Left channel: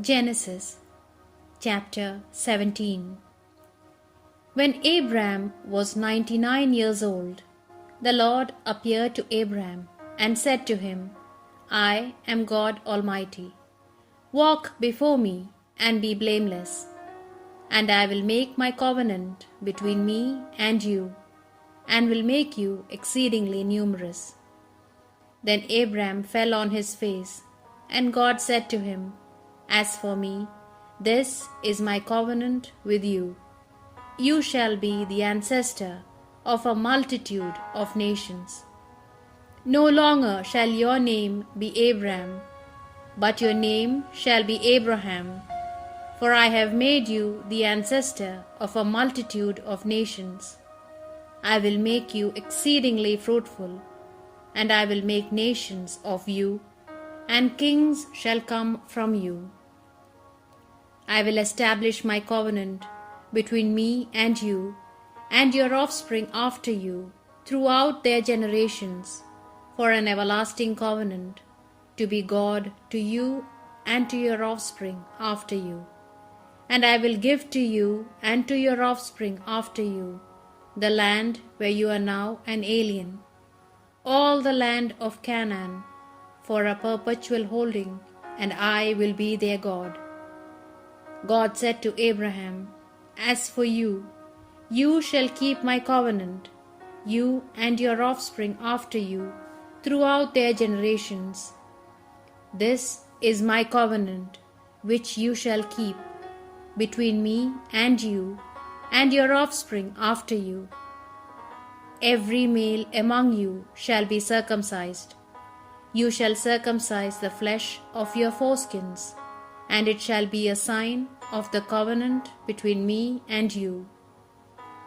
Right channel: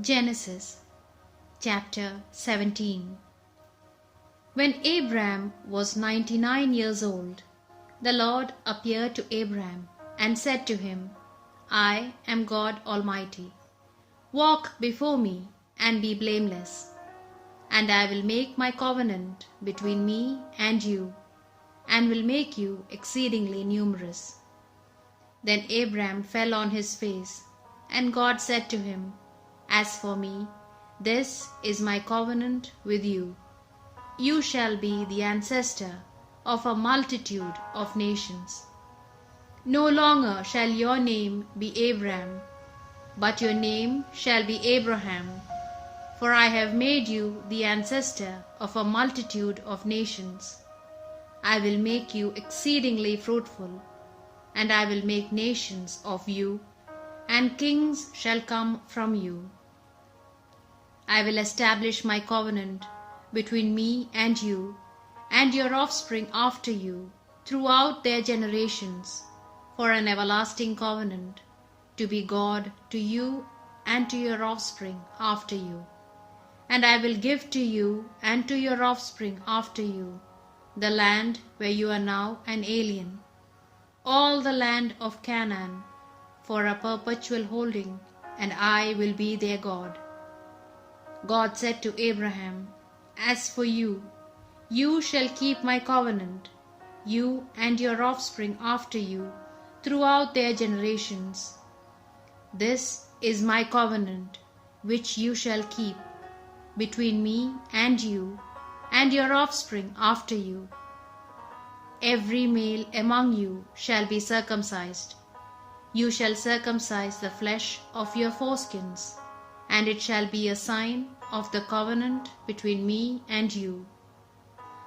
Genesis chapter 17. When Abram was 99 years old, the Lord appeared to Abram and said to him, I am God Almighty. Walk before me and be blameless, and I will make my covenant between me and you, and will make you exceedingly numerous. Then Abram fell on his face, and God said to him, As for me, this is my covenant with you. You shall be the ancestor of a multitude of nations. No longer shall your name be Abram, but your name shall be Abraham, for I have made you the ancestor of a multitude of nations. I will make you exceedingly fruitful, and I will make nations of you, and kings shall come from you. I will establish my covenant between me and you, and your offspring after you, throughout their generations, for an everlasting covenant, to be God to you and to your offspring after you. And I will give to you and to your offspring after you the land where you are now an alien, all the land of Canaan, for a perpetual holding, and I will be their God. God said to Abraham, As for you, you shall keep my covenant, you and your offspring after you, throughout their generations. This is my covenant, which you shall keep, between me and you, and your offspring after you. Every male among you shall be circumcised. You shall circumcise the flesh of your foreskins, and it shall be a sign of the covenant between me and you.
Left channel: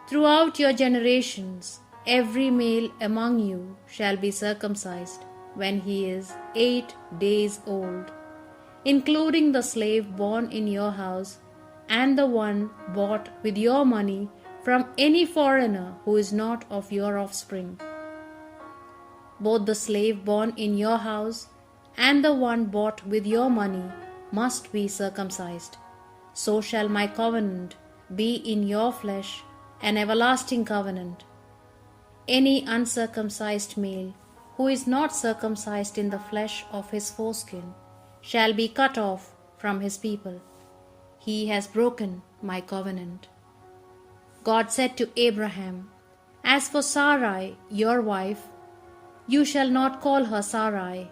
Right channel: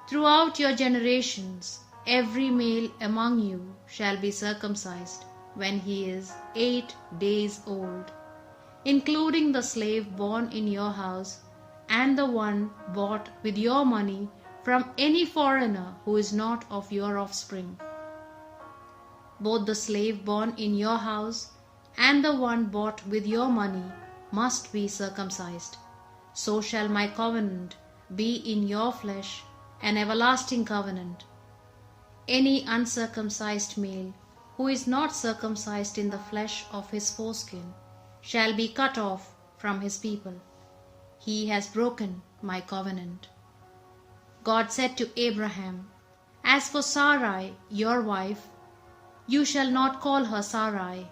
Throughout your generations, every male among you shall be circumcised when he is 8 days old, including the slave born in your house and the one bought with your money from any foreigner who is not of your offspring. Both the slave born in your house and the one bought with your money must be circumcised. So shall my covenant be in your flesh, an everlasting covenant. Any uncircumcised male who is not circumcised in the flesh of his foreskin shall be cut off from his people. He has broken my covenant. God said to Abraham, As for Sarai, your wife, you shall not call her Sarai,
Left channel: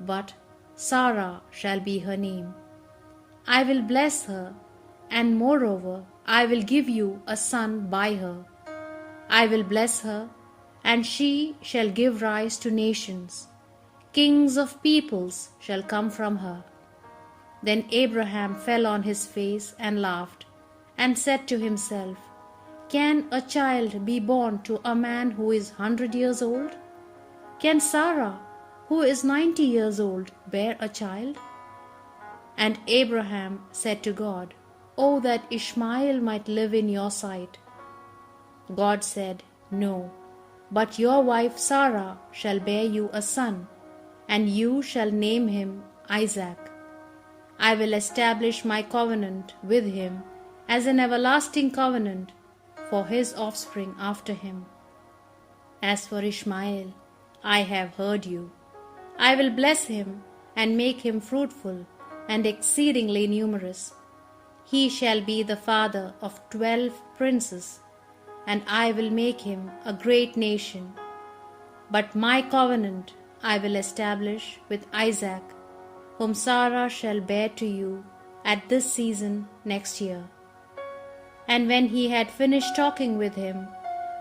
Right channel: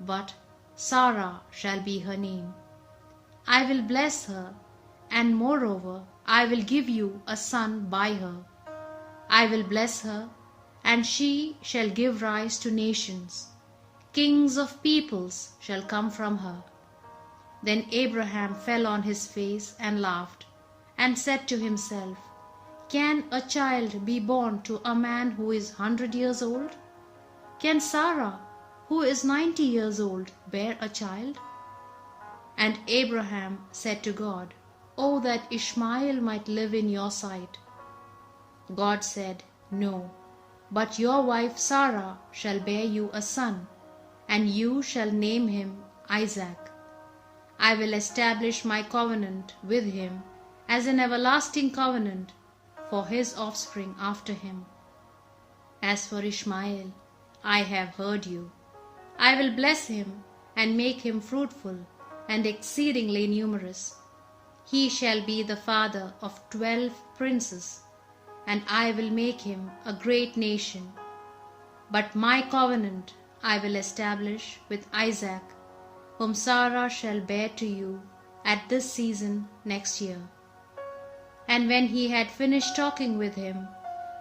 but Sarah shall be her name. I will bless her, and moreover I will give you a son by her. I will bless her, and she shall give rise to nations. Kings of peoples shall come from her. Then Abraham fell on his face and laughed, and said to himself, Can a child be born to a man who is 100 years old? Can Sarah, who is 90 years old, bear a child? And Abraham said to God, Oh, that Ishmael might live in your sight. God said, No, but your wife Sarah shall bear you a son, and you shall name him Isaac. I will establish my covenant with him as an everlasting covenant for his offspring after him. As for Ishmael, I have heard you. I will bless him and make him fruitful and exceedingly numerous. He shall be the father of 12 princes, and I will make him a great nation. But my covenant I will establish with Isaac, whom Sarah shall bear to you at this season next year. And when he had finished talking with him,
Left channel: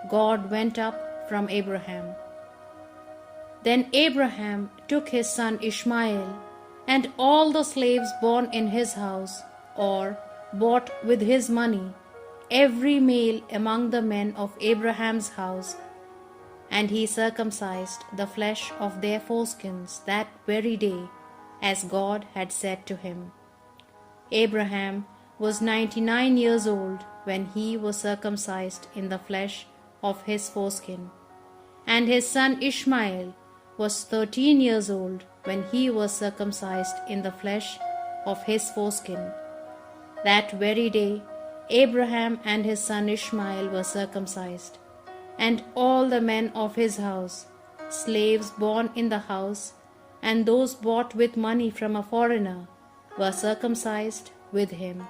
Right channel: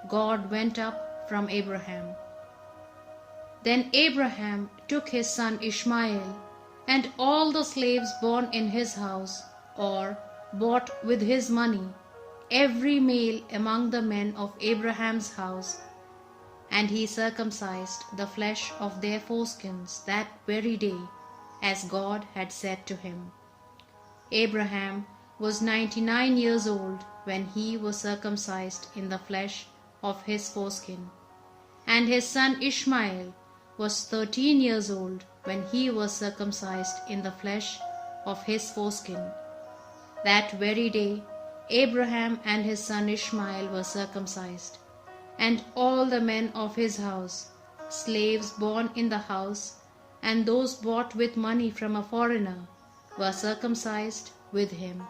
God went up from Abraham. Then Abraham took his son Ishmael and all the slaves born in his house, or bought with his money, every male among the men of Abraham's house, and he circumcised the flesh of their foreskins that very day, as God had said to him. Abraham was 99 years old when he was circumcised in the flesh of his foreskin, and his son Ishmael was 13 years old when he was circumcised in the flesh of his foreskin. That very day, Abraham and his son Ishmael were circumcised, and all the men of his house, slaves born in the house, and those bought with money from a foreigner, were circumcised with him.